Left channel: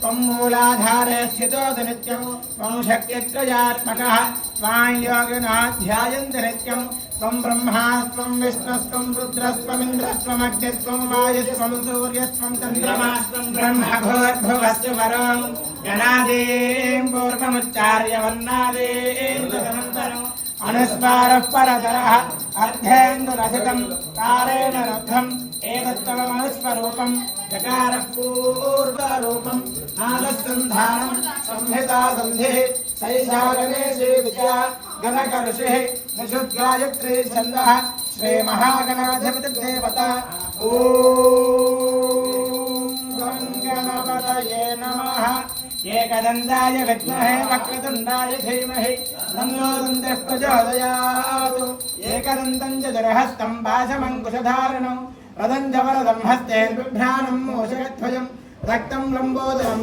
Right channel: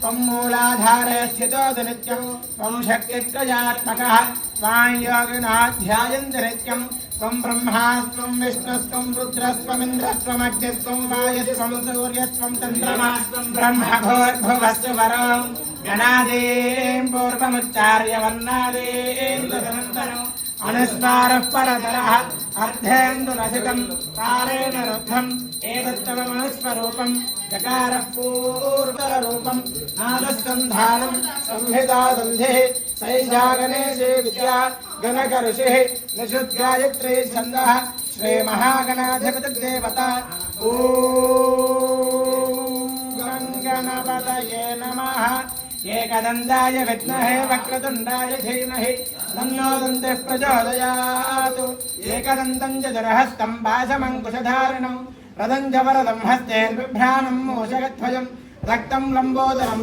त्वं मूलाधारे स्थितोऽसि नित्यं त्वं शक्तित्रयात्मकः त्वां योगिनाध्यायन्ति नित्यं त्वं ब्रह्मा त्वं विष्णुस्त्वं रुद्रस्त्वमिन्द्रस्त्वमग्निस्त्वं वायुस्त्वं सूर्यस्त्वं चन्द्रमास्त्वं ब्रह्मभूर्भुवस्य वरं जनादीं पूर्वमुच्चार्य वर्णादीं तदनन्तरम् अनुस्वारः परतरः अर्धेन्दुरथितं तारेण रुद्धम् एतत्तमनुस्वरूपम् चकारः पूर्वरूपम् नादसन्धानम् संहिता सन्धिः सैषागणेशे विद्या गणकऋषिः निषुद्गायत्री छन्दः श्रीमहागणाधिपतिदेवता ॐ गणपतये नमः। एकदन्ताय विद्महे वक्रतुण्डाय धीमहि तन्नो दन्तिः प्रचोदयात्। एकदन्तं चतुर्हस्तं पाशमङ्कुशधारिणं रदं च वरदं हस्तेर्बिभ्राणं मूषकध्वजं रक्तं लम्बोदरं